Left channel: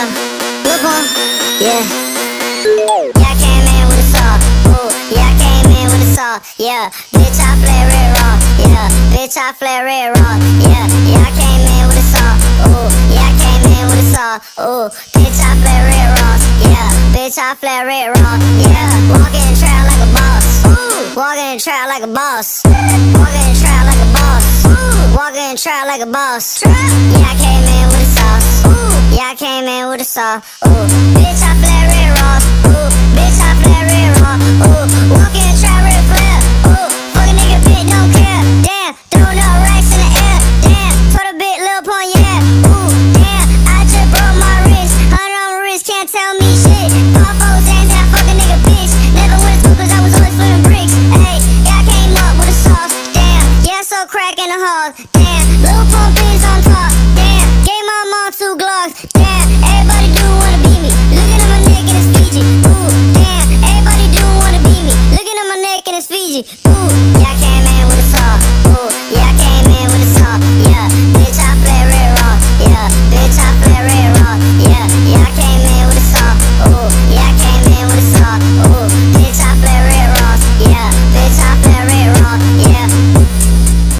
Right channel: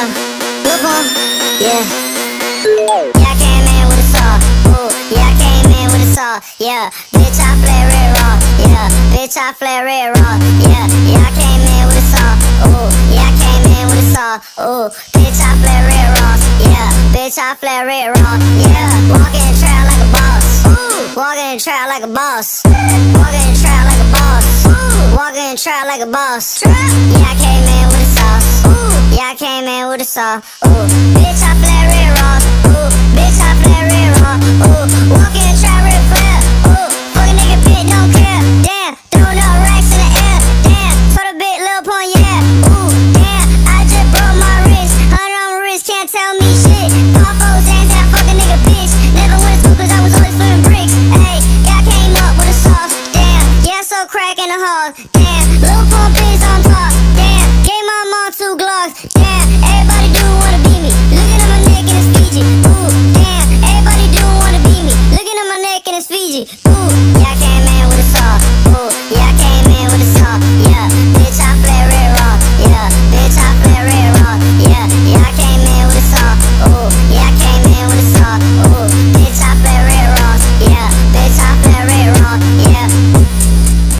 Yeah. Yeah, I came in with a saw. Ooh, yeah, I came in with a saw. Yeah, bitch, I flare red raw. Yeah, bitch, I flare red raw. Yeah, yeah, I came in with a saw. Ooh, yeah, I came in with a saw. Ooh, bitch, I flare red raw. Yeah, bitch, I flare red raw. Yeah, walking in trap like a boss. Walking in trap like a boss. Walking in trap like a boss. Walking in trap like a boss. Yeah, I came in with a saw. Yeah, I came in with a saw. Ooh, bitch, I flare red raw. Ooh, bitch, I flare red raw. Ooh, walking in trap real fast. Ooh, fucking nigga bitch don't care. Damn, throw no racks in the air. Damn, put a bit lil' upon your head. Ooh, damn, I just broke my wrist. Hard on wrist, can't tell me shit. All foes ain't that fucking nigga bitch. Nigga with scoopers, I'm always feeling bricks. Hey, yeah, I came up with a sauce. Damn, yeah, I'm so crack in the hall. Damn, little pump is on top. Damn, gave my mom 2 Glocks. Damn, everybody do wanna beat me. Look at him, a nigga, it's Fiji.